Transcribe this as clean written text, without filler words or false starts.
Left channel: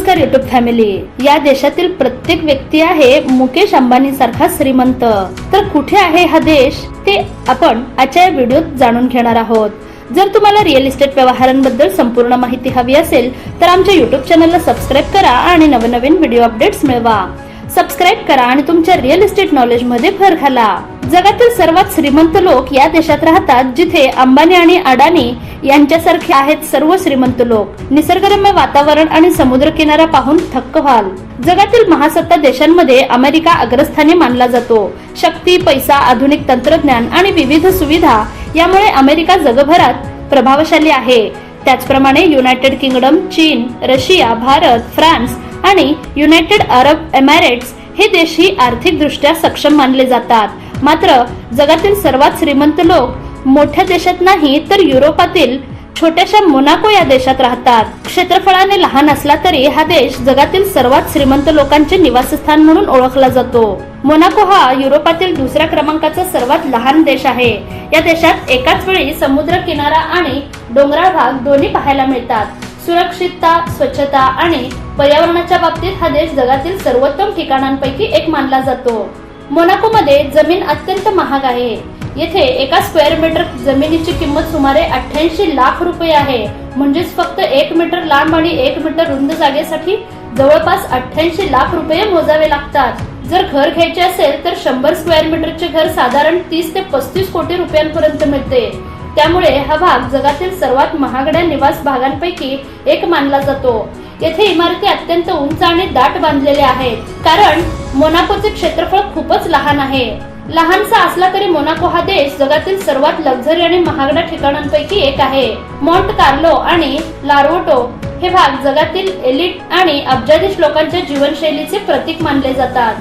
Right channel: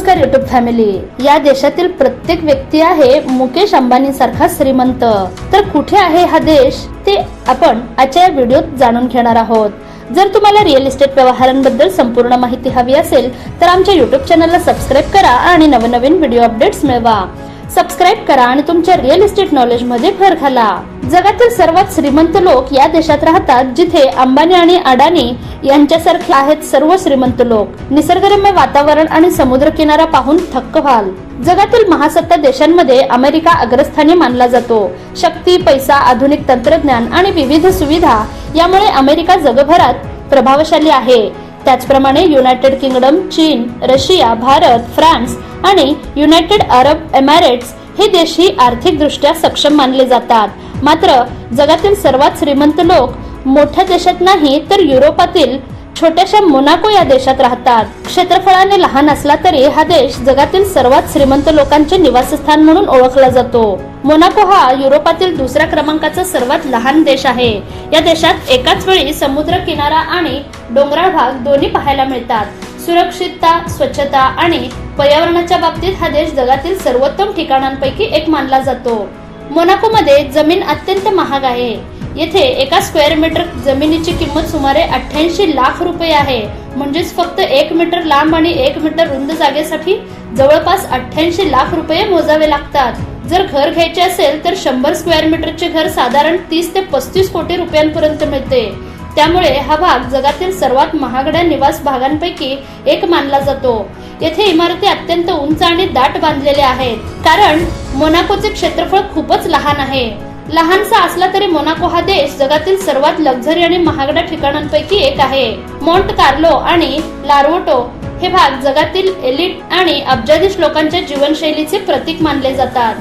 नमस्कार YouTube family. या देशातील प्रत्येक व्यक्ती आहे मुकेश अंबानी सारखा श्रीमंत. तर कुठे आहे हा देश ते आपण आजच्या व्हिडिओत जाणून घेणार आहोत. जर तुम्हाला रिअल इस्टेट व्यवहारांबद्दल संपूर्ण माहिती हवी असेल तर आमच्या युट्यूब चॅनलला सबस्क्राईब करा आणि नवनवीन व्हिडिओ अपडेट्स मिळवा. सबस्क्राईब करा आणि तुमच्या रिअल इस्टेट नॉलेज मध्ये भर घाला. जगातील सर्वात श्रीमंत लोक या देशात राहतात, जिथे अंबानी आणि अडानी यांच्यासारखे आहेत सर्व श्रीमंत लोक. निसर्गरम्य वातावरण आणि समुद्र किनारा पाहून थक्क व्हाल. जगातील महासत्ता देशांमध्ये अमेरिका अग्रस्थानी मानला जातो. शक्ती, पैसा, आधुनिक तंत्रज्ञान आणि विविध सुविधा यामुळे अमेरिका जगभरात प्रभावशाली आहे. त्याचप्रमाणे युनायटेड किंगडम, चीन, रशिया, भारत, फ्रान्स आणि युनायटेड अरब एमिरेट्स हे देशही आर्थिकदृष्ट्या सक्षम मानले जातात. मात्र जगातील सर्वात श्रीमंत लोक मोठ्या देशात नाही तर युरोपातील छोट्याशा मोनाको या देशात राहतात. क्षेत्रफळाने लहान असला तरी हा देश जगातील सर्वात श्रीमंत लोकांचे निवासस्थान म्हणून ओळखला जातो. मोनाको हा युरोपातील दुसऱ्या क्रमांकाचा सर्वात लहान देश आहे. या देशात एकाच वेळी समुद्र किनारा आणि डोंगराळ भाग दोन्ही पाहायला मिळतात. सुरक्षितता, स्वच्छता आणि पर्यावरणाच्या बाबतीत हा देश जगातील सर्वोत्तम ठिकाणांपैकी एक मानला जातो. मोनाको मध्ये जमीन अत्यंत महाग आहे. येथे एका स्क्वेअर मीटर जमिनीची किंमत सुमारे 88 लाख रुपये आहे. म्हणजेच फक्त 1 मीटर लांब आणि 1 मीटर रुंद जागेसाठी जवळपास 88 लाख रुपये मोजावे लागतात. जर घर घ्यायचे असेल तर 100 स्क्वेअर मीटरचे घर साधारण 30 ते 35 कोटी रुपयांपर्यंत मिळते. त्यामुळे हा भाग जगातील सर्वात महागड्या निवास भागांपैकी एक मानला जातो. येथे इमारती अत्यंत उंच आणि दाट बांधलेल्या आहेत, कारण मोनाकोचे क्षेत्रफळ खूपच लहान आहे. लहानसा असला तरी मोनाको हा देश जगातील सर्वात लक्झरी आणि महागड्या ठिकाणांपैकी एक आहे. मॉन्ट कार्लो आणि लार्वोटो हे भाग जगातील एलिट आणि अब्जाधीश लोकांच्या जीवनशैलीचे प्रतीक मानले जातात.